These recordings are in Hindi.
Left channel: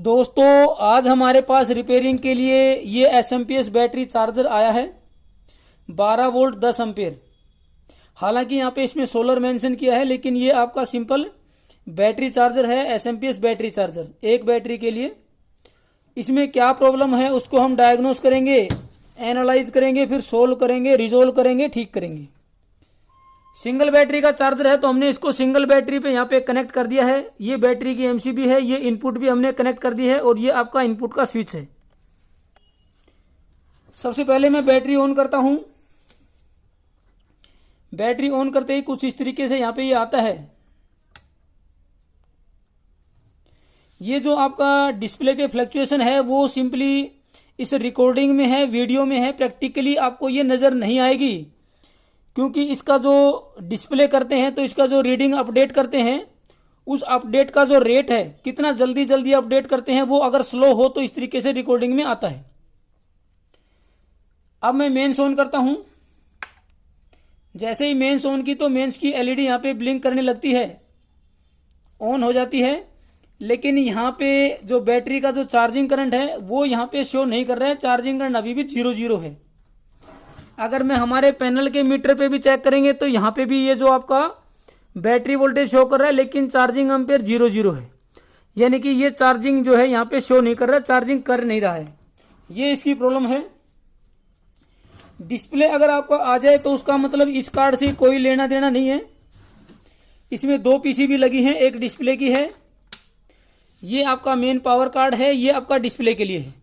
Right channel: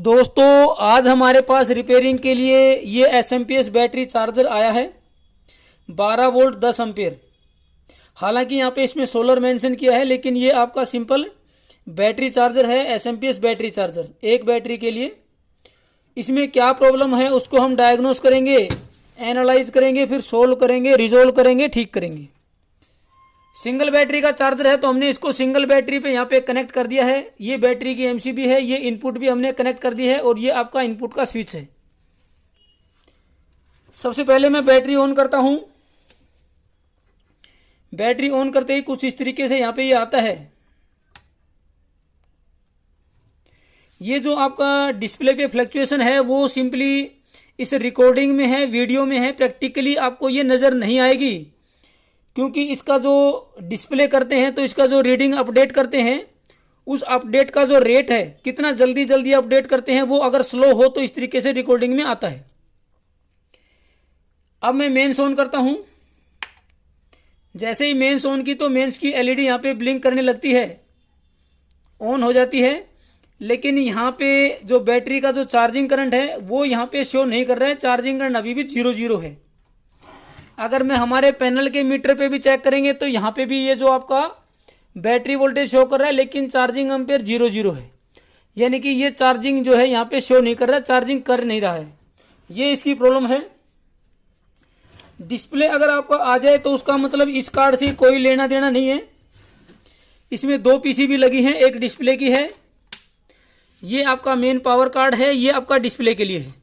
दोस्तों आज हमारे पास रिपेयरिंग के लिए ये एसएमपीएस बैटरी चार्जर आया है 12 वोल्ट 10 एम्पियर। हालांकि यहाँ पे इसमें सोलर मेंशन किया है, लेकिन ये आपका सिंपल बैटरी चार्जर है, एसएमपीएस बैटरी चार्जर एक बैटरी के लिए। इसमें क्या प्रॉब्लम है उसको हम डायग्नोस करेंगे, एनालाइज करेंगे, फिर सोल्व करेंगे, रिजोल्व करेंगे, ठीक करेंगे। सिंगल बैटरी का चार्जर है तो हमने इसको सिंगल बैटरी पे यहाँ पे कनेक्ट कर दिया है। ये बैटरी की एमसीबी है, ये इनपुट भी हमने कनेक्ट कर दी है और ये आपका इनपुट का स्विच है। सबसे पहले मैं बैटरी ऑन करता हूं। बैटरी ऑन करते ही कुछ इस तरीके से यहाँ पे ये आता है। ये जो आपका डिस्प्ले पे फ्लक्चुएशन है वो सिंपली इस रिकॉर्डिंग में है, वीडियो में है, प्रैक्टिकली आपको ये नजर नहीं आएगी, क्योंकि इसका जो डिस्प्ले करते हैं तो इसका जो रीडिंग अपडेट करते हैं उस अपडेट का जो रेट है, कितना जल्दी जल्दी अपडेट करते हैं, वो अगर स्लो हो तो इस तरीके से रिकॉर्डिंग में आता है। अब मैं मेंस ऑन करता हूं। जैसे ही मेंस ऑन की तो मेंस की एलईडी यहां पे ब्लिंक करने लगती है, ऑन हो जाती है। लेकिन यहां पे जो बैटरी का जो चार्जिंग करंट है वो यहां पे शो नहीं कर रहा है, चार्जिंग करंट अभी भी 0 है। अगर मैं हमारे पैनल के मीटर पे भी चेक करेंगे तो यहाँ पे भी ये जो आपका बैटरी वोल्टेज शो कर रहा है, लेकिन चार्जिंग एम्पेयर 0 है, यानी कि ये चार्जिंग जो है यहाँ पे शो नहीं कर रहा है, चार्जिंग कर नहीं रहा है। ये इसकी प्रॉब्लम है। डिस्प्ले अगर आपका आ जाए तो उसका मतलब इस कार्ड से कोई लेना देना नहीं है। इसमें 2 पीसीबी लगी हैं, एक डिस्प्ले की है, ये आपका मेन पावर कार्ड है, ये आपका डिस्प्ले के लिए है।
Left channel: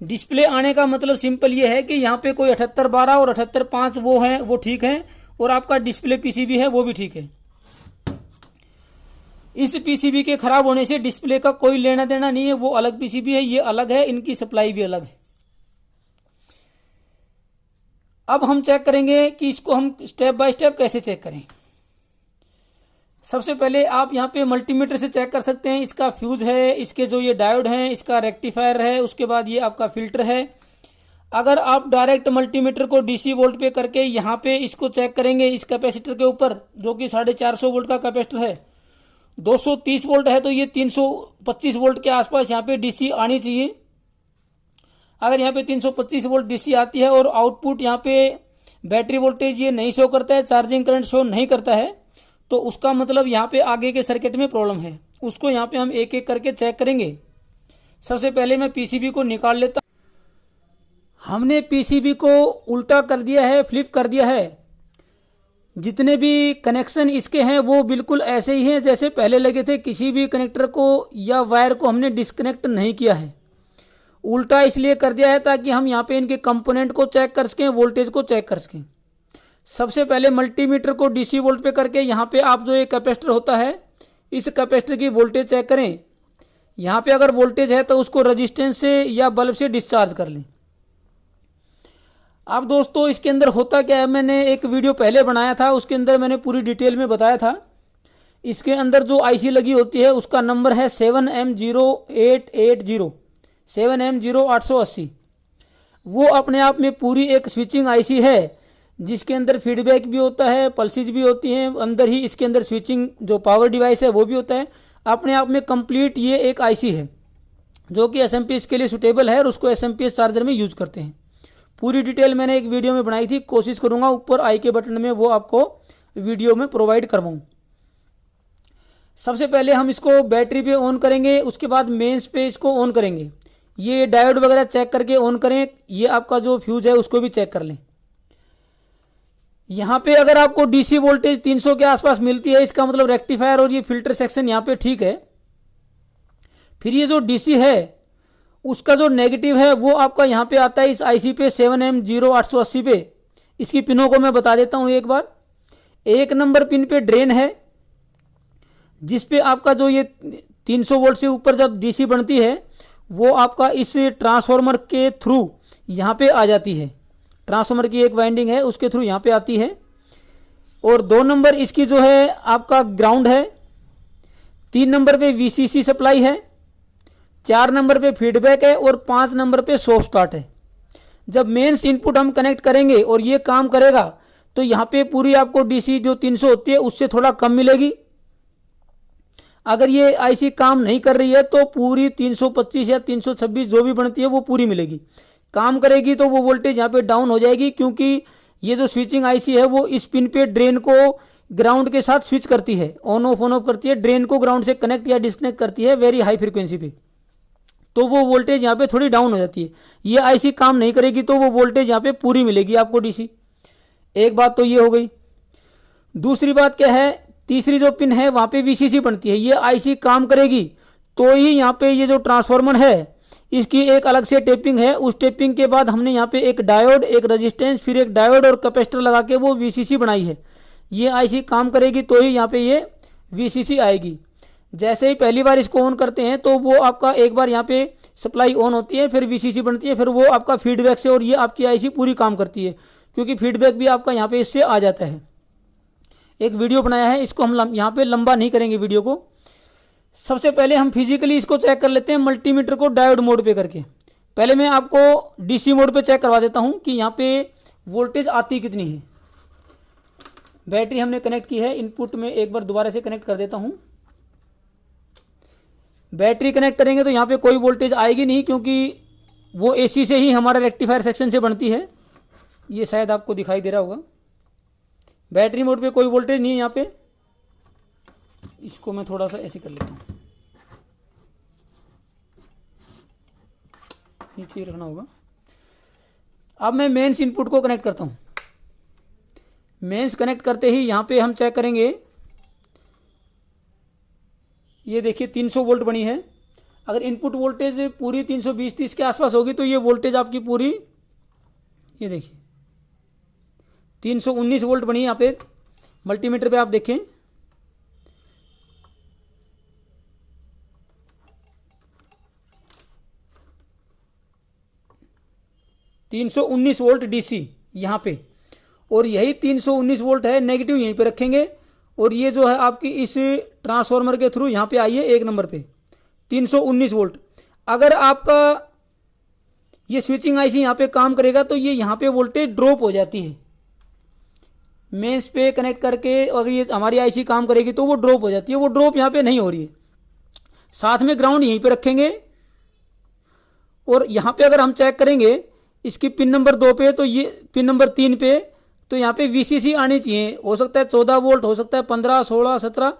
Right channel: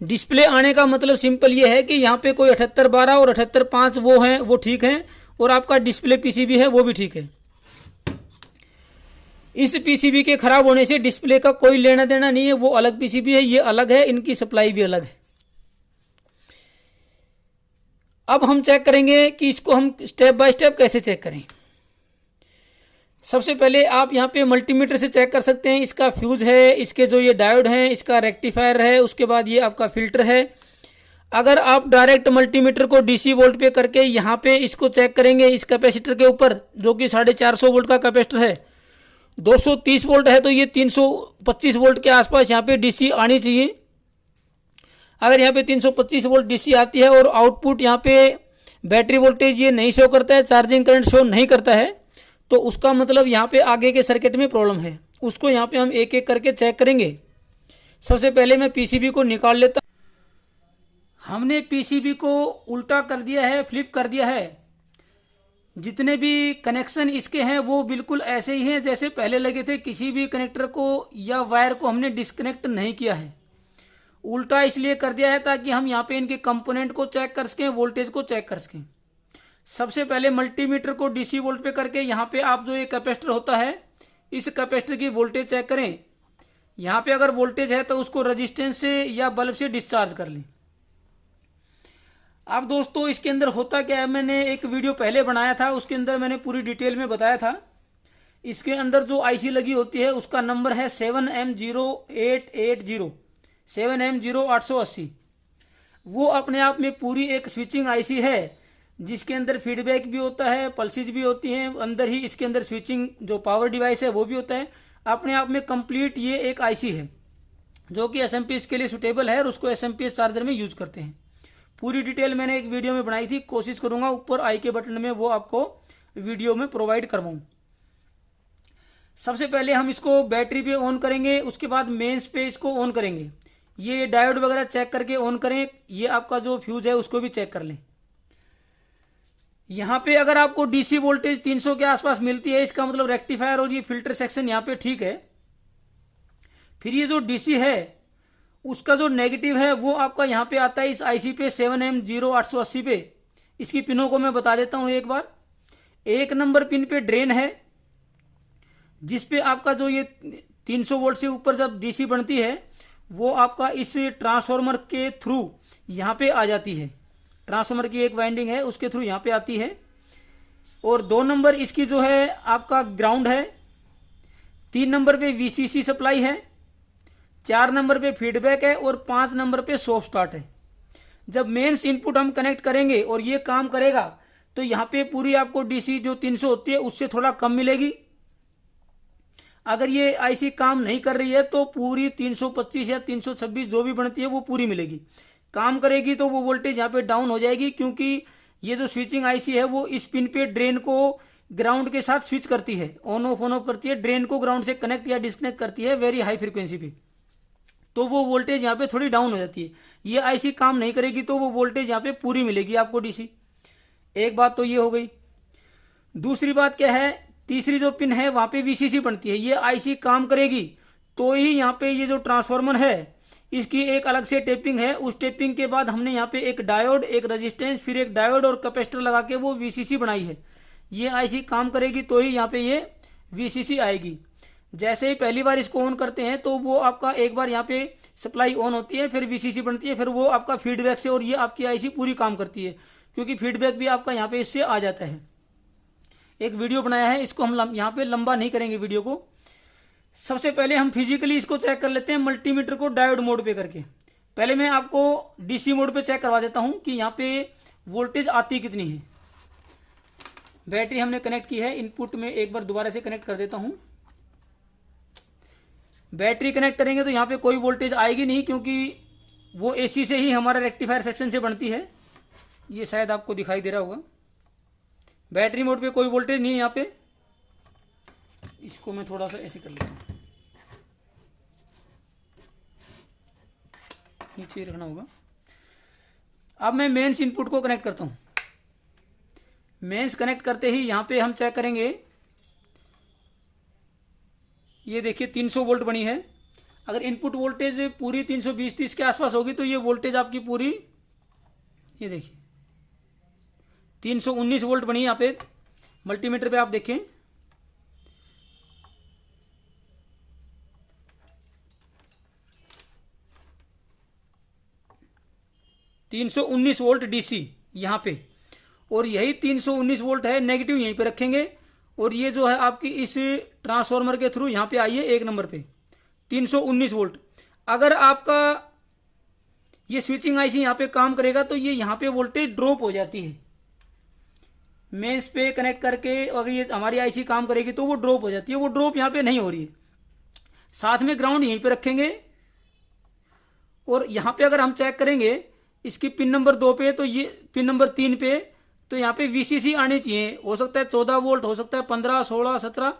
डिस्प्ले आने का मतलब सिंपल ये है कि यहाँ पे कोई 7812 और 7805 वो हैं, वो ठीक हैं, और आपका डिस्प्ले पीसीबी है वो भी ठीक है। इस पीसीबी के खराब होने से डिस्प्ले का कोई लेना देना नहीं है, वो अलग पीसीबी है, ये अलग है, इनकी सप्लाई भी अलग है। अब हम चेक करेंगे कि इसको हम स्टेप बाय स्टेप कैसे चेक करें। सबसे पहले आप यहाँ पे मल्टीमीटर से चेक कर सकते हैं। इसका फ्यूज है, इसके जो ये डायोड हैं, इसका रेक्टिफायर है, उसके बाद ये आपका फिल्टर है। अगर आप डायरेक्ट मल्टीमीटर को डीसी वोल्ट पे करके यहाँ पे इसको चेक करेंगे, इस कैपेसिटर के ऊपर जो कि 450 वोल्ट का कैपेसिटर है, 230 वोल्ट है तो ये 325 वोल्ट के आसपास यहाँ पे डीसी आनी चाहिए। अगर यहाँ पे 325 वोल्ट डीसी आती है और आउटपुट यहाँ पे बैटरी वोल्टेज ये नहीं शो करता है, चार्जिंग करंट शो नहीं करता है, तो उसका मतलब यहाँ पे आगे के सर्किट में प्रॉब्लम है। उसको यहाँ पे हम एक एक करके चेक करेंगे। सबसे पहले मैं पीसीबी को निकाल लेता। हमने पीसीबी को उल्टा कर दिया है, फ्लिप कर दिया है। जितने भी कनेक्शन इसके हैं वो बिल्कुल ऐसे ही हैं जैसे पहले लगे थे। किसी भी कनेक्टर को या वायर को हमने डिस्कनेक्ट नहीं किया है। उल्टा इसलिए कर दिया है ताकि हम यहाँ पे इनके कंपोनेंट को चेक कर सकें, वोल्टेज को चेक कर सकें। सबसे पहले मल्टीमीटर को डीसी वोल्ट पे करके यहाँ पे आप जो ये कैपेसिटर होता है, इस कैपेसिटर की वोल्टेज चेक करें। यहाँ पे अगर वोल्टेज है तो उसको रेजिस्टेंस से या बल्ब से डिस्चार्ज कर लें। अब दोस्तों इसके अंदर होता क्या है, मैंने एक वीडियो पहले बनाया था, उसके अंदर मैंने पूरी डिटेल में बताया था। इसके अंदर जो आईसी लगी होती है उसका नंबर है 7M0880, 7M0880। वो अपने आप में पूरी एक स्विचिंग आईसी है, जिसके अंदर फीडबैक भी होता है, पल्सेज भी होती हैं, अंदर ही इसके अंदर स्विचिंग जो पावर डिवाइस है वो भी होता है। अपने आप में कंप्लीट ये एक आईसी है जो कि एसएमपीएस के लिए सुटेबल है और उसको एसएमपीएस चार्जर में यूज करते हैं। पूरी डिटेल मैंने एक वीडियो में बनाई थी, कोशिश करूंगा ऊपर आई के बटन में वो आपको वीडियो में प्रोवाइड करवाऊं। सबसे पहले हम इसको बैटरी पे ऑन करेंगे, उसके बाद मेंस पे इसको ऑन करेंगे। ये डायोड वगैरह चेक करके ऑन करें। ये आपका जो फ्यूज है उसको भी चेक कर लें। यहाँ पे अगर आपको डीसी वोल्टेज 300 के आसपास मिलती है, इसका मतलब रेक्टिफायर और ये फिल्टर सेक्शन यहाँ पे ठीक है। फिर ये जो डीसी है उसका जो नेगेटिव है वो आपका यहाँ पे आता है इस आईसी पे 7M0880 पे। इसकी पिनों को मैं बता देता हूँ एक बार। 1 नंबर पिन पे ड्रेन है, जिसपे आपका जो ये 300 वोल्ट से ऊपर जब डीसी बनती है वो आपका इस ट्रांसफॉर्मर के थ्रू यहाँ पे आ जाती है। ट्रांसफॉर्मर की एक वाइंडिंग है, उसके थ्रू यहाँ पे आती है। और 2 नंबर इसकी जो है आपका ग्राउंड है। 3 नंबर पे वीसीसी सप्लाई है। 4 नंबर पे फीडबैक है और 5 नंबर पे सॉफ्ट स्टार्ट है। जब मेंस इनपुट हम कनेक्ट करेंगे और ये काम करेगा तो यहाँ पे पूरी आपको डीसी जो 300 होती है उससे थोड़ा कम मिलेगी। अगर ये आईसी काम नहीं कर रही है तो पूरी 325 या 326 जो भी बनती है वो पूरी मिलेगी। काम करेगी तो वो वोल्टेज यहाँ पे डाउन हो जाएगी, क्योंकि ये जो स्विचिंग आईसी है वो इस पिन पे ड्रेन को ग्राउंड के साथ स्विच करती है, ऑन ऑफ करती है, ड्रेन को ग्राउंड से कनेक्ट या डिस्कनेक्ट करती है वेरी हाई फ्रीक्वेंसी पे। तो वो वोल्टेज यहाँ पे थोड़ी डाउन हो जाती है। ये आईसी काम नहीं करेगी तो वो वोल्टेज यहाँ पे पूरी मिलेगी आपको डीसी। एक बात तो ये हो गई। दूसरी बात क्या है, तीसरी जो पिन है वहाँ पे वीसीसी बनती है। ये आईसी काम करेगी तो ही यहाँ पे ये जो ट्रांसफार्मर है इसकी एक अलग से टेपिंग है। उस टेपिंग के बाद हमने यहाँ पे एक डायोड, एक रेजिस्टेंस, फिर एक डायोड और कैपेसिटर लगा के वो वीसीसी बनाई है। ये आईसी काम करेगी तो ही यहाँ पे ये वीसीसी आएगी। जैसे ही पहली बार इसको ऑन करते हैं तो वो आपका एक बार यहाँ पे सप्लाई ऑन होती है, फिर वीसीसी बनती है, फिर वो आपका फीडबैक से और ये आपकी आईसी पूरी काम करती है, क्योंकि फीडबैक भी आपका यहाँ पे इससे आ जाता है। एक वीडियो बनाया है, इसको हम यहाँ पे लंबा नहीं करेंगे वीडियो को। सबसे पहले हम फिजिकली इसको चेक कर लेते हैं मल्टीमीटर को डायोड मोड पे करके। पहले मैं आपको डीसी मोड पे चेक करवा देता हूँ कि यहाँ पे वोल्टेज आती कितनी है। बैटरी हमने कनेक्ट की है, इनपुट में एक बार दोबारा से कनेक्ट कर देता हूँ। बैटरी कनेक्ट करेंगे तो यहाँ पे कोई वोल्टेज आएगी नहीं, क्योंकि वो एसी से ही हमारा रेक्टिफायर सेक्शन से बनती है। ये शायद आपको दिखाई दे रहा होगा। बैटरी मोड पे कोई वोल्टेज नहीं है यहाँ पे। इसको मैं थोड़ा सा ऐसे कर लेता हूँ, नीचे ही रखना होगा। अब मैं मेंस इनपुट को कनेक्ट करता हूँ। मेंस कनेक्ट करते ही यहाँ पे हम चेक करेंगे, ये देखिए 300 वोल्ट बनी है। अगर इनपुट वोल्टेज पूरी 320-30 के आसपास होगी तो ये वोल्टेज आपकी पूरी, ये देखिए 319 वोल्ट बनी यहाँ पे मल्टीमीटर पे। आप देखें 319 वोल्ट डीसी यहाँ पे, और यही 319 वोल्ट है। नेगेटिव यहीं पे रखेंगे और ये जो है आपकी इस ट्रांसफार्मर के थ्रू यहाँ पे आई है 1 नंबर पे 319 वोल्ट। अगर आपका ये स्विचिंग आईसी यहाँ पे काम करेगा तो ये यहाँ पे वोल्टेज ड्रॉप हो जाती है। मेंस पे कनेक्ट करके अगर ये हमारी आईसी काम करेगी तो वो ड्रॉप हो जाती है। वो ड्रॉप यहाँ पे नहीं हो रही है। साथ में ग्राउंड यहीं पे रखेंगे और यहाँ पे अगर हम चेक करेंगे इसकी पिन नंबर 2 पे, तो ये पिन नंबर 3 पे, तो यहाँ पे वीसीसी आनी चाहिए। हो सकता है 14 वोल्ट, हो सकता है 15, 16, 17।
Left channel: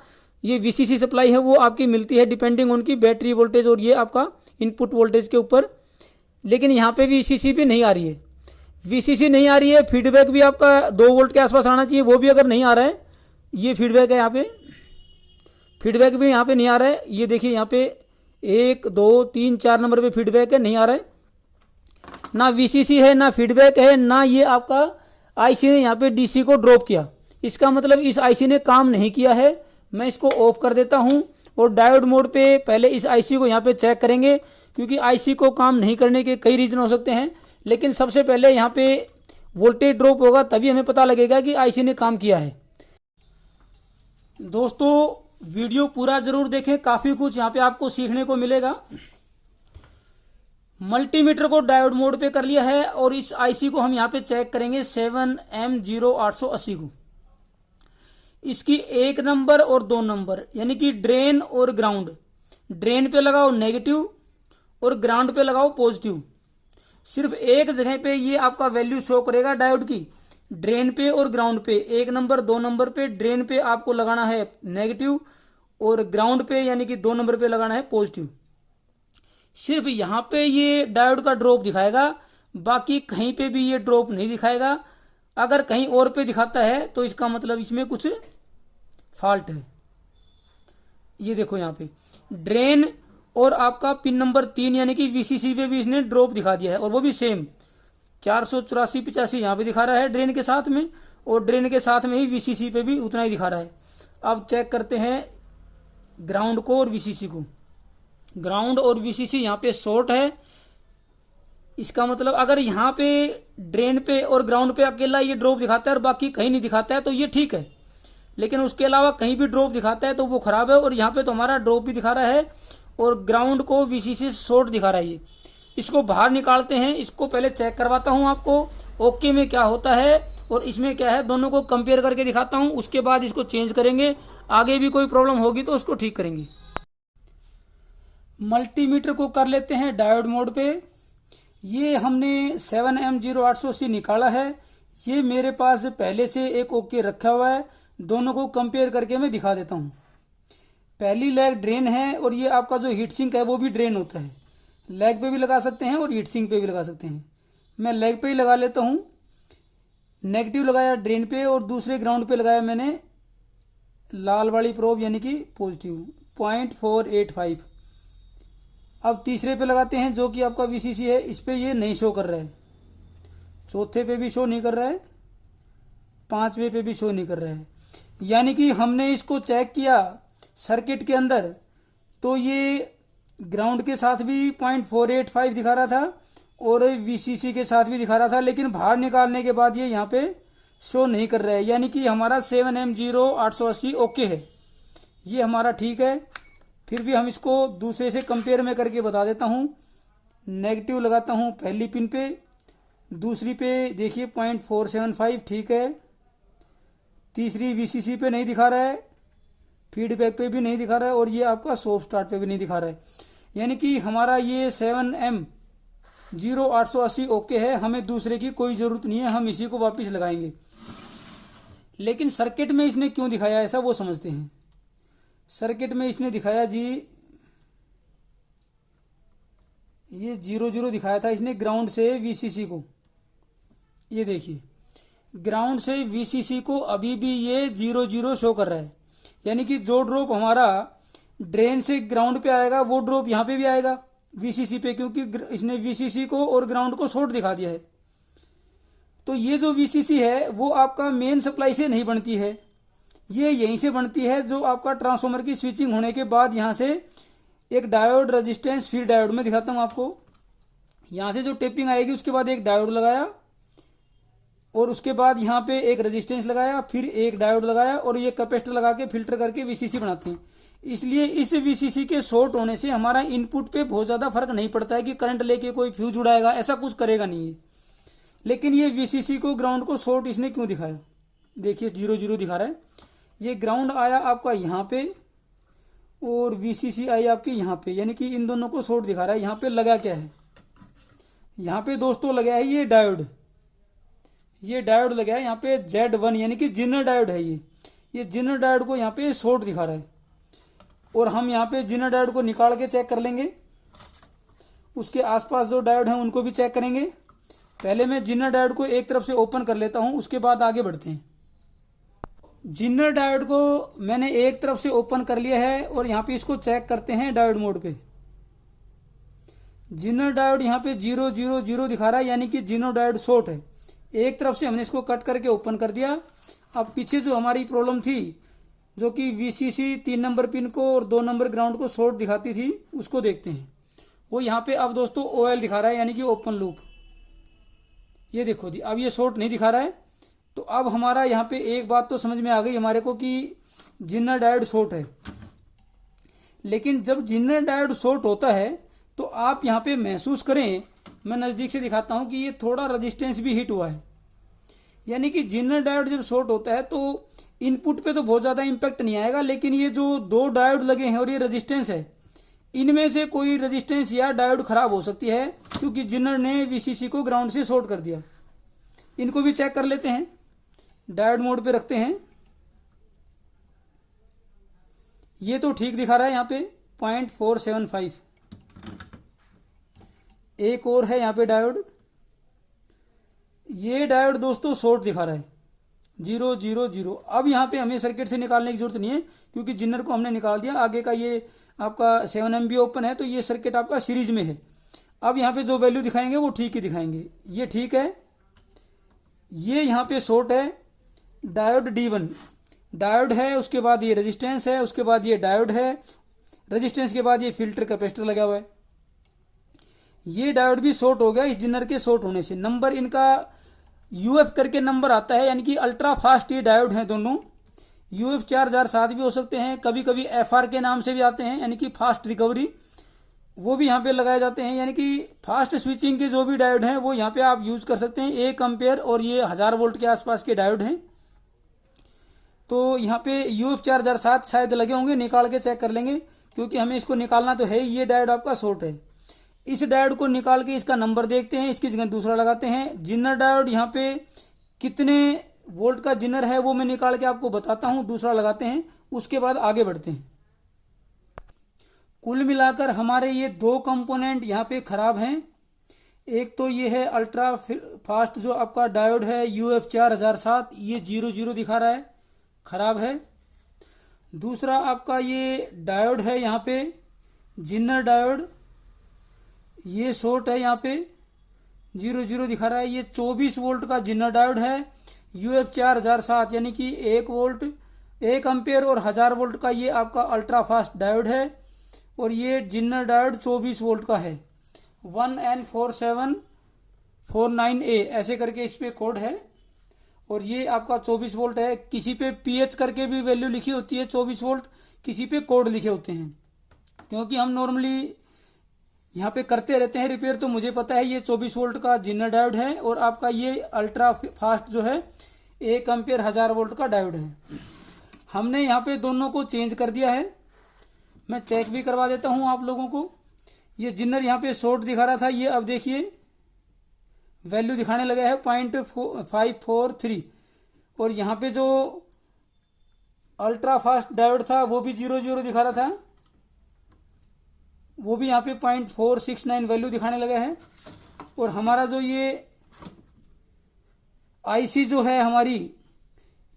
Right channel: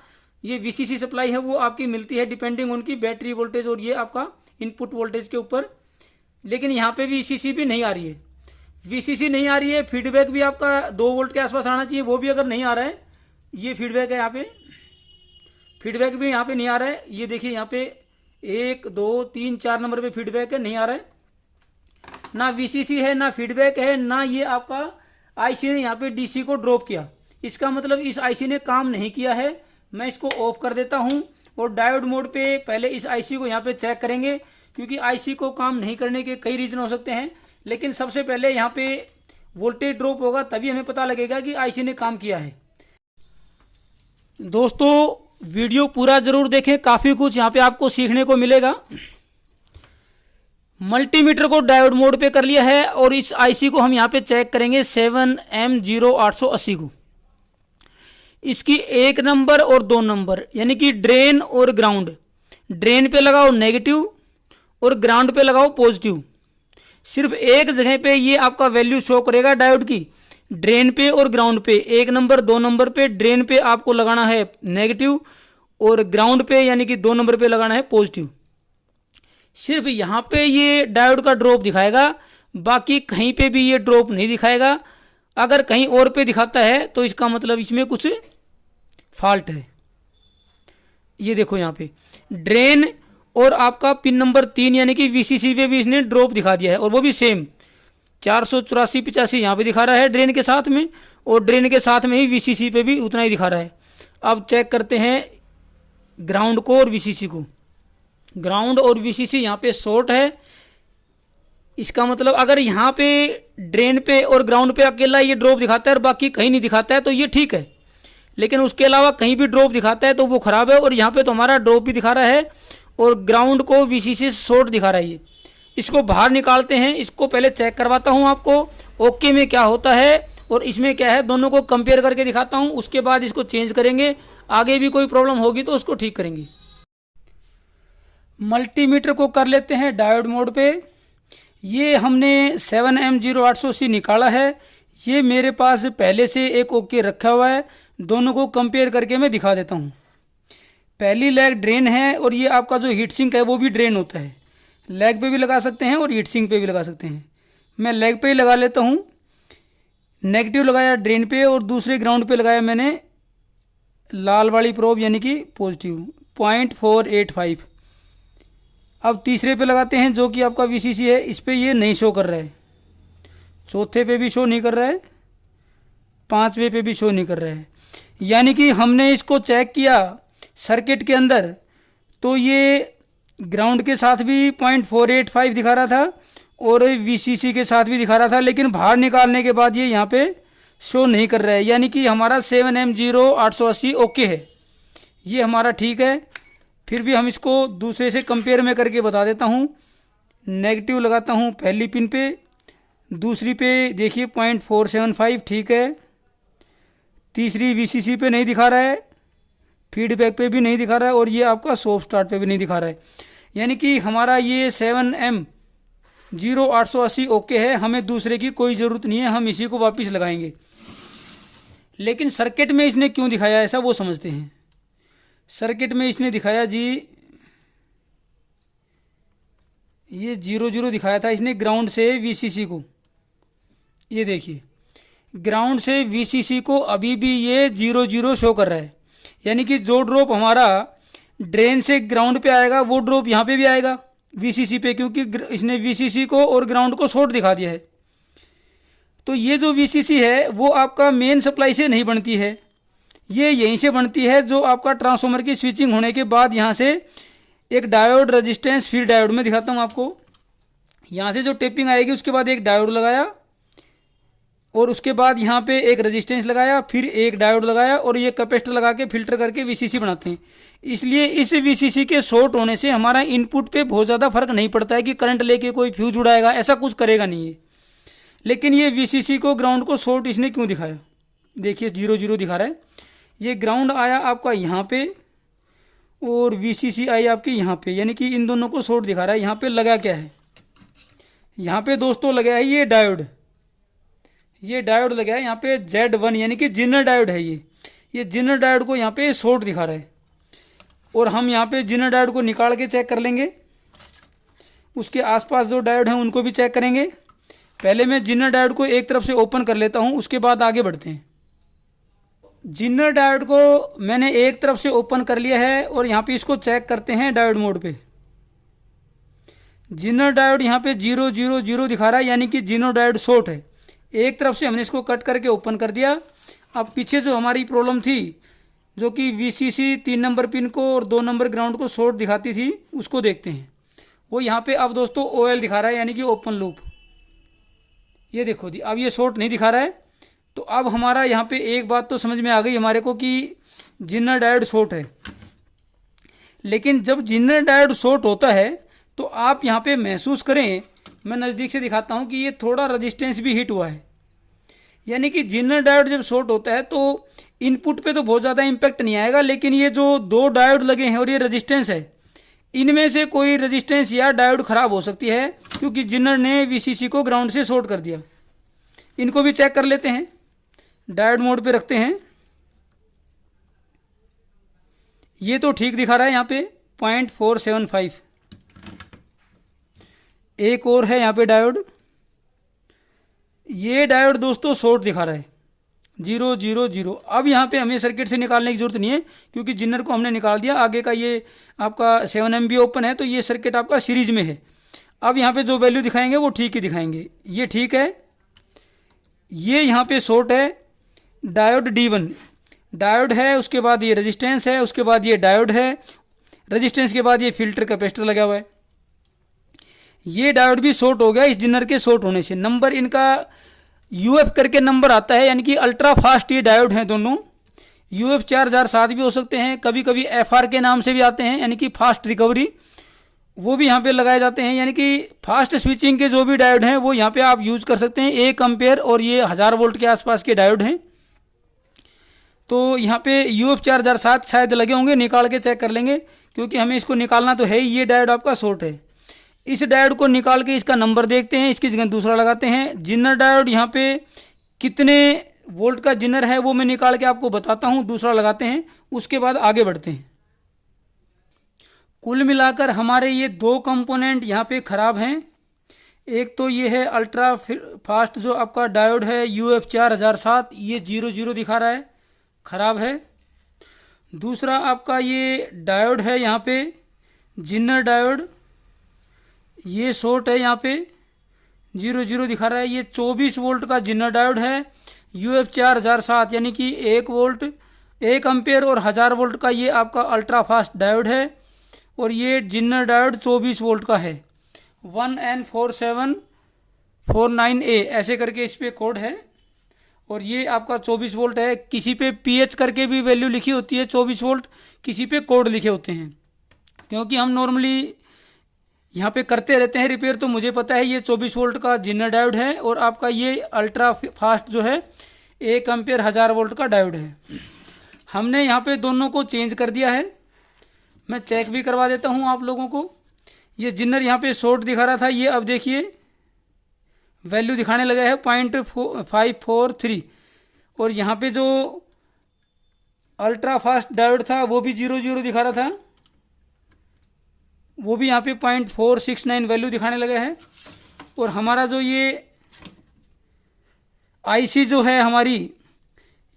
ये वीसीसी सप्लाई है वो आपकी मिलती है डिपेंडिंग उनकी बैटरी वोल्टेज और ये आपका इनपुट वोल्टेज के ऊपर। लेकिन यहाँ पे वीसीसी भी नहीं आ रही है। वीसीसी नहीं आ रही है। फीडबैक भी आपका 2 वोल्ट के आसपास आना चाहिए, वो भी अगर नहीं आ रहा है। ये फीडबैक है यहाँ पे, फीडबैक भी यहाँ पे नहीं आ रहा है। ये देखिए यहाँ पे 1, 2, 3, 4 नंबर पे फीडबैक है, नहीं आ रहा है। ना वीसीसी है, ना फीडबैक है, ना ये आपका आईसी ने यहाँ पे डीसी को ड्रॉप किया। इसका मतलब इस आईसी ने काम नहीं किया है। मैं इसको ऑफ कर देता हूँ और डायोड मोड पे पहले इस आईसी को यहाँ पे चेक करेंगे, क्योंकि आईसी को काम नहीं करने के कई रीज़न हो सकते हैं। लेकिन सबसे पहले यहाँ पे वोल्टेज ड्रॉप होगा, तभी हमें पता लगेगा कि आईसी ने काम किया है। दोस्तों वीडियो पूरा ज़रूर देखें, काफ़ी कुछ यहाँ पे आपको सीखने को मिलेगा। मल्टीमीटर को डायोड मोड पे कर लिया है और इस आईसी को हम यहाँ पे चेक करेंगे 7M0880 को। इसकी 1 नंबर और 2 नंबर यानी कि ड्रेन और ग्राउंड। ड्रेन पे लगाओ नेगेटिव और ग्राउंड पे लगाओ पॉजिटिव। सिर्फ एक जगह पे ये आपका वैल्यू शो करेगा डायोड की, ड्रेन पे और ग्राउंड पे। 1 नंबर 2 नंबर पे ड्रेन पे आपको लगाना है नेगेटिव और ग्राउंड पे यानी कि 2 नंबर पे लगाना है पॉजिटिव। सिर्फ यहाँ पे ये डायोड का ड्रॉप दिखाएगा, बाकी कहीं पे भी ये ड्रॉप नहीं दिखाएगा। अगर कहीं और पे दिखाता है तो इसका मतलब इसमें कुछ फॉल्ट है। ये देखो यहाँ पे ड्रेन और आपका पिन नंबर 3 यानी कि वीसीसी पे भी इसने ड्रॉप दिखा दिया है, और वो भी सेम 484-85 यहाँ पे दिखा रहा है ड्रेन के साथ में, और ड्रेन के साथ में ही वीसीसी पे भी उतना ही दिखा रहा है। अब चेक करते हैं ग्राउंड को और वीसीसी को। ग्राउंड और वीसीसी यहाँ पे शॉर्ट है। इसका मतलब अगर यहाँ पे ड्रेन पे और ग्राउंड पे अकेला ये ड्रॉप दिखाता है और बाकी कहीं नहीं दिखाता है तो ये ठीक है, लेकिन उसके अलावा कहीं भी ड्रॉप दिखाता है तो वो खराब है। और यहाँ पे तो हमारा ड्रॉप भी दिखा रहा है और ग्राउंड को वीसीसी शॉर्ट दिखा रहा है। ये इसको बाहर निकालते हैं। इसको पहले चेक करवाता हूँ आपको ओके में क्या होता है और इसमें क्या है, दोनों को कंपेयर करके दिखाता हूँ। उसके बाद इसको चेंज करेंगे। आगे भी कोई प्रॉब्लम होगी तो उसको ठीक करेंगे। मल्टीमीटर को कर लेते हैं डायोड मोड पे। ये हमने 7M0800C निकाला है। ये मेरे पास पहले से एक ओके रखा हुआ है। दोनों को कंपेयर करके मैं दिखा देता हूँ। पहली लेग ड्रेन है और ये आपका जो हीट सिंक है वो भी ड्रेन होता है। लेग पे भी लगा सकते हैं और हीट सिंक पे भी लगा सकते हैं। मैं लेग पे ही लगा लेता हूँ। नेगेटिव लगाया ड्रेन पे और दूसरे ग्राउंड पे लगाया मैंने लाल वाली प्रोब यानी कि पॉजिटिव 0.485। अब तीसरे पे लगाते हैं जो कि आपका वीसीसी है। इस पे ये नहीं शो कर रहा है, चौथे पे भी शो नहीं कर रहा है, पांचवें पे भी शो नहीं कर रहा है। यानी कि हमने इसको चेक किया सर्किट के अंदर तो ये ग्राउंड के साथ भी 0.485 दिखा रहा था और वीसीसी के साथ भी दिखा रहा था, लेकिन बाहर निकालने के बाद ये यहाँ पे शो नहीं कर रहा है। यानी कि हमारा 7M0880 ओके है, ये हमारा ठीक है। फिर भी हम इसको दूसरे से कंपेयर में करके बता देता हूँ। नेगेटिव लगाता हूँ पहली पिन पे, दूसरी पे देखिए 0.475 ठीक है, तीसरी वीसीसी पे नहीं दिखा रहा है, फीडबैक पे भी नहीं दिखा रहा है और ये आपका सॉफ्ट स्टार्ट पे भी नहीं दिखा रहा है। यानी कि हमारा ये 7M0880 ओके है, हमें दूसरे की कोई ज़रूरत नहीं है, हम इसी को वापस लगाएंगे। लेकिन सर्किट में इसने क्यों दिखाया ऐसा वो समझते हैं। सर्किट में इसने दिखाया जी ये 0 दिखाया था इसने ग्राउंड से वीसीसी को। ये देखिए ग्राउंड से वीसीसी को अभी भी ये 0 शो कर रहा है। यानी कि जो ड्रॉप हमारा ड्रेन से ग्राउंड पे आएगा वो ड्रॉप यहाँ पे भी आएगा वीसीसी पे, क्योंकि इसने वीसीसी को और ग्राउंड को शॉर्ट दिखा दिया है। तो ये जो वीसीसी है वो आपका मेन सप्लाई से नहीं बनती है, ये यहीं से बनती है जो आपका ट्रांसफार्मर की स्विचिंग होने के बाद यहाँ से एक डायोड रेजिस्टेंस फीड डायोड में दिखाता हूँ आपको। यहाँ से जो टेपिंग आएगी उसके बाद एक डायोड लगाया और उसके बाद यहाँ पे एक रेजिस्टेंस लगाया, फिर एक डायोड लगाया और ये कैपेसिटर लगा के फिल्टर करके वीसीसी बनाते हैं। इसलिए इस वीसीसी के शॉर्ट होने से हमारा इनपुट पे बहुत ज़्यादा फर्क नहीं पड़ता है कि करंट लेके कोई फ्यूज उड़ाएगा, ऐसा कुछ करेगा नहीं है। लेकिन ये वीसीसी को ग्राउंड को शॉर्ट इसने क्यों दिखाया, देखिए 0 दिखा रहा है। ये ग्राउंड आया आपका यहाँ पे और वीसीसी आई आपके यहाँ पे, यानी कि इन दोनों को शॉर्ट दिखा रहा है। यहाँ पे लगा क्या है, यहाँ पे दोस्तों लगा है ये डायोड, ये डायोड लगा है यहाँ पे Z1 यानी कि जिनर डायोड है। ये जिनर डायोड को यहाँ पे शॉर्ट दिखा रहा है और हम यहाँ पे जिनर डायोड को निकाल के चेक कर लेंगे। उसके आसपास जो डायोड हैं उनको भी चेक करेंगे। पहले मैं जिनर डायोड को एक तरफ से ओपन कर लेता हूँ, उसके बाद आगे बढ़ते हैं। जिनर डायोड को मैंने एक तरफ से ओपन कर लिया है और यहाँ पे इसको चेक करते हैं डायोड मोड पे। जिनर डायोड यहाँ पे 0 दिखा रहा है, यानी कि जिनर डायोड शॉर्ट है। एक तरफ से हमने इसको कट करके ओपन कर दिया। अब पीछे जो हमारी प्रॉब्लम थी जो कि वीसीसी 3 नंबर पिन को और 2 नंबर ग्राउंड को शॉर्ट दिखाती थी, उसको देखते हैं। वो यहाँ पे अब दोस्तों OL दिखा रहा है, यानी कि ओपन लूप। ये देखो जी अब ये शॉर्ट नहीं दिखा रहा है। तो अब हमारा यहाँ पे एक बात तो समझ में आ गई हमारे को कि जिनर डायोड शॉर्ट है। लेकिन जब जिनर डायोड शॉर्ट होता है तो आप यहाँ पे महसूस करें, मैं नज़दीक से दिखाता हूँ कि ये थोड़ा रेजिस्टेंस भी हिट हुआ है। यानी कि जिनर डायोड जब शॉर्ट होता है तो इनपुट पे तो बहुत ज़्यादा इम्पैक्ट नहीं आएगा, लेकिन ये जो 2 डायोड लगे हैं और ये रेजिस्टेंस है, इनमें से कोई रेजिस्टेंस या डायोड खराब हो सकती है क्योंकि जिनर ने वीसीसी को ग्राउंड से शॉर्ट कर दिया। इनको भी चेक कर लेते हैं, डायोड मोड पे रखते हैं। ये तो ठीक दिखा रहा है यहाँ पे 0.475। एक और है यहाँ पे डायोड, ये डायोड दोस्तों शॉर्ट दिखा रहा है 0 अब यहाँ पे हमें सर्किट से निकालने की जरूरत नहीं है क्योंकि जिनर को हमने निकाल दिया। आगे का ये आपका 7M भी ओपन है तो ये सर्किट आपका सीरीज में है। अब यहाँ पे जो वैल्यू दिखाएंगे वो ठीक ही दिखाएंगे। ये ठीक है, ये यहाँ पे शॉर्ट है। डायोड D1 डायोड है, उसके बाद ये रेजिस्टेंस है, उसके बाद ये डायोड है, रेजिस्टेंस के बाद ये फिल्टर कैपेसिटर लगा हुआ है। ये डायोड भी शॉर्ट हो गया इस जिनर के शॉर्ट होने से। नंबर इनका UF करके नंबर आता है, यानी कि अल्ट्रा फास्ट ये डायोड हैं दोनों। UF 4007 भी हो सकते हैं, कभी कभी FR के नाम से भी आते हैं, यानी कि फास्ट रिकवरी, वो भी यहाँ पे लगाए जाते हैं। यानी कि फास्ट स्विचिंग के जो भी डायोड हैं वो यहाँ पे आप यूज़ कर सकते हैं। 1 एम्पेयर और ये 1000 वोल्ट के आसपास के डायोड हैं। तो यहाँ पे UF 4007 शायद लगे होंगे, निकाल के चेक कर लेंगे क्योंकि हमें इसको निकालना तो है ही। ये डायोड आपका शॉर्ट है। इस डायोड को निकाल के इसका नंबर देखते हैं, इसकी जगह दूसरा लगाते हैं। जिनर डायोड यहाँ पे कितने वोल्ट का जिनर है वो मैं निकाल के आपको बताता हूँ, दूसरा लगाते हैं, उसके बाद आगे बढ़ते हैं। कुल मिलाकर हमारे ये दो कंपोनेंट यहाँ पे खराब हैं। एक तो ये है अल्ट्रा फास्ट जो आपका डायोड है UF 4007, ये 00 दिखा रहा है, खराब है। दूसरा आपका ये डायोड है यहाँ पे जिनर डायोड, ये शॉर्ट है, यहाँ पे 00 दिखा रहा है। ये 24 वोल्ट का जिनर डायोड है UF 4007, यानी कि 1 वोल्ट 1 एम्पेयर और 1000 वोल्ट का ये आपका अल्ट्रा फास्ट डायोड है। और ये जिनर डायोड 24 वोल्ट का है, 1N4749A ऐसे करके इस पे कोड है। और ये आपका 24 वोल्ट है। किसी पे PH करके भी वैल्यू लिखी होती है 24 वोल्ट, किसी पे कोड लिखे होते हैं। क्योंकि हम नॉर्मली यहाँ पे करते रहते हैं रिपेयर, तो मुझे पता है ये 24 वोल्ट का जिनर डायोड है। और आपका ये अल्ट्रा फास्ट जो है 1 एम्पेयर 1000 वोल्ट का डायोड है। हमने यहाँ पे दोनों को चेंज कर दिया है। मैं चेक भी करवा देता हूँ आप लोगों को। ये जिनर यहाँ पे शॉर्ट दिखा रहा था, ये अब देखिए वैल्यू दिखाने लगा है 0.543। और यहाँ पे जो अल्ट्रा फास्ट डायोड था वो भी 00 दिखा रहा था, वो भी यहाँ पे 0.469 वैल्यू दिखाने लगा है। और हमारा जो ये IC जो है हमारी,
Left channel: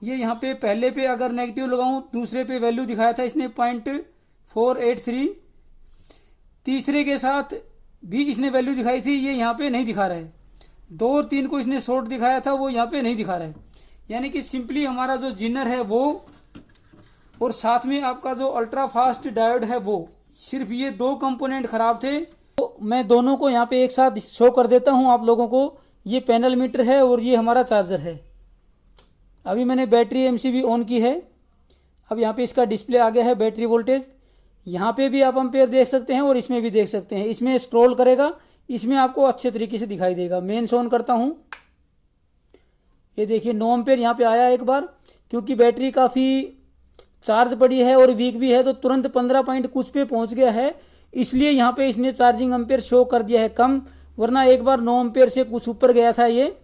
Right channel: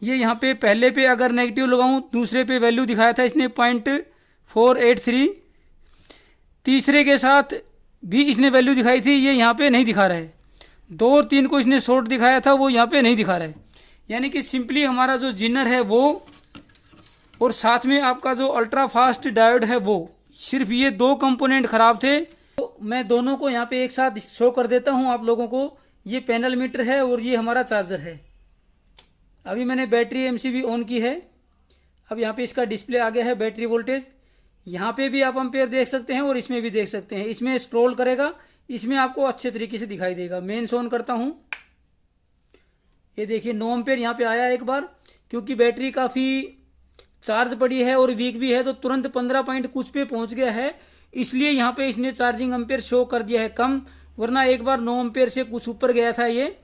ये यहाँ पे पहले पे अगर नेगेटिव लगाऊं, दूसरे पे वैल्यू दिखाया था इसने 0.483, तीसरे के साथ भी इसने वैल्यू दिखाई थी, ये यहाँ पे नहीं दिखा रहा है। 2 और 3 को इसने शॉर्ट दिखाया था, वो यहाँ पे नहीं दिखा रहा है। यानी कि सिंपली हमारा जो जिनर है वो, और साथ में आपका जो अल्ट्रा फास्ट डायोड है वो, सिर्फ ये 2 कंपोनेंट खराब थे। तो मैं दोनों को यहाँ पे एक साथ शो कर देता हूँ आप लोगों को। ये पैनल मीटर है और ये हमारा चार्जर है। अभी मैंने बैटरी MCB ऑन की है। अब यहाँ पे इसका डिस्प्ले आ गया है, बैटरी वोल्टेज। यहाँ पे भी आप एम्पेयर देख सकते हैं और इसमें भी देख सकते हैं। इसमें स्क्रॉल करेगा, इसमें आपको अच्छे तरीके से दिखाई देगा। मेन्स ऑन करता हूँ, ये देखिए 9 एम्पेयर यहाँ पे आया एक बार। क्योंकि बैटरी काफ़ी चार्ज पड़ी है और वीक भी है, तो तुरंत 15 पॉइंट कुछ पे पहुंच गया है, इसलिए यहाँ पे इसने चार्जिंग एम्पेयर शो कर दिया है कम, वरना एक बार 9 एम्पेयर से कुछ ऊपर गया था ये।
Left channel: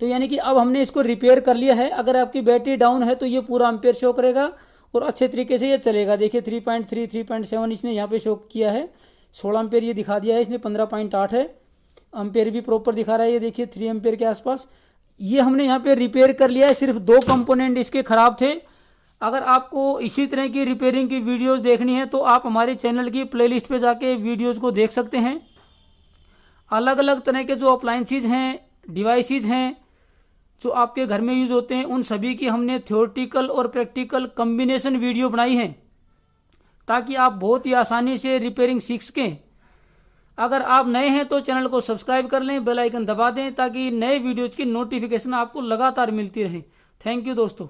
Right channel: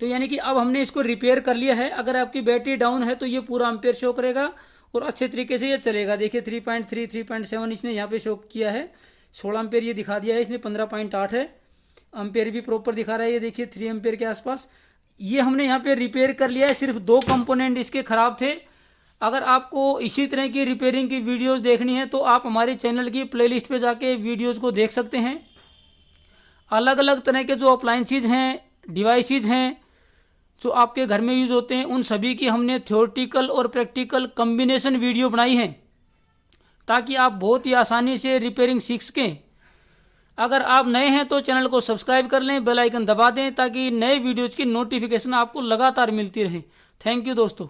तो यानी कि अब हमने इसको रिपेयर कर लिया है। अगर आपकी बैटरी डाउन है तो ये पूरा एम्पेयर शो करेगा और अच्छे तरीके से ये चलेगा। देखिए 3.3 3.7 इसने यहाँ पे शो किया है, 16 एम्पेयर ये दिखा दिया है इसने, 15.8 है। एम्पेयर भी प्रॉपर दिखा रहा है, ये देखिए 3 एम्पेयर के आसपास। ये हमने यहाँ पे रिपेयर कर लिया है। सिर्फ 2 कंपोनेंट इसके खराब थे। अगर आपको इसी तरह की रिपेयरिंग की वीडियोस देखनी है तो आप हमारे चैनल की प्लेलिस्ट पे जाके वीडियोस को देख सकते हैं। अलग अलग तरह के जो अप्लायंसेज हैं, डिवाइसेज हैं जो आपके घर में यूज़ होते हैं, उन सभी की हमने थ्योरेटिकल और प्रैक्टिकल कम्बिनेशन वीडियो बनाई है, ताकि आप बहुत ही आसानी से रिपेयरिंग सीख सकें। अगर आप नए हैं तो चैनल को सब्सक्राइब कर लें, बेल आइकन दबा दें, ताकि नए वीडियोज़ की नोटिफिकेशन आपको लगातार मिलती रहे। थैंक यू दोस्तों।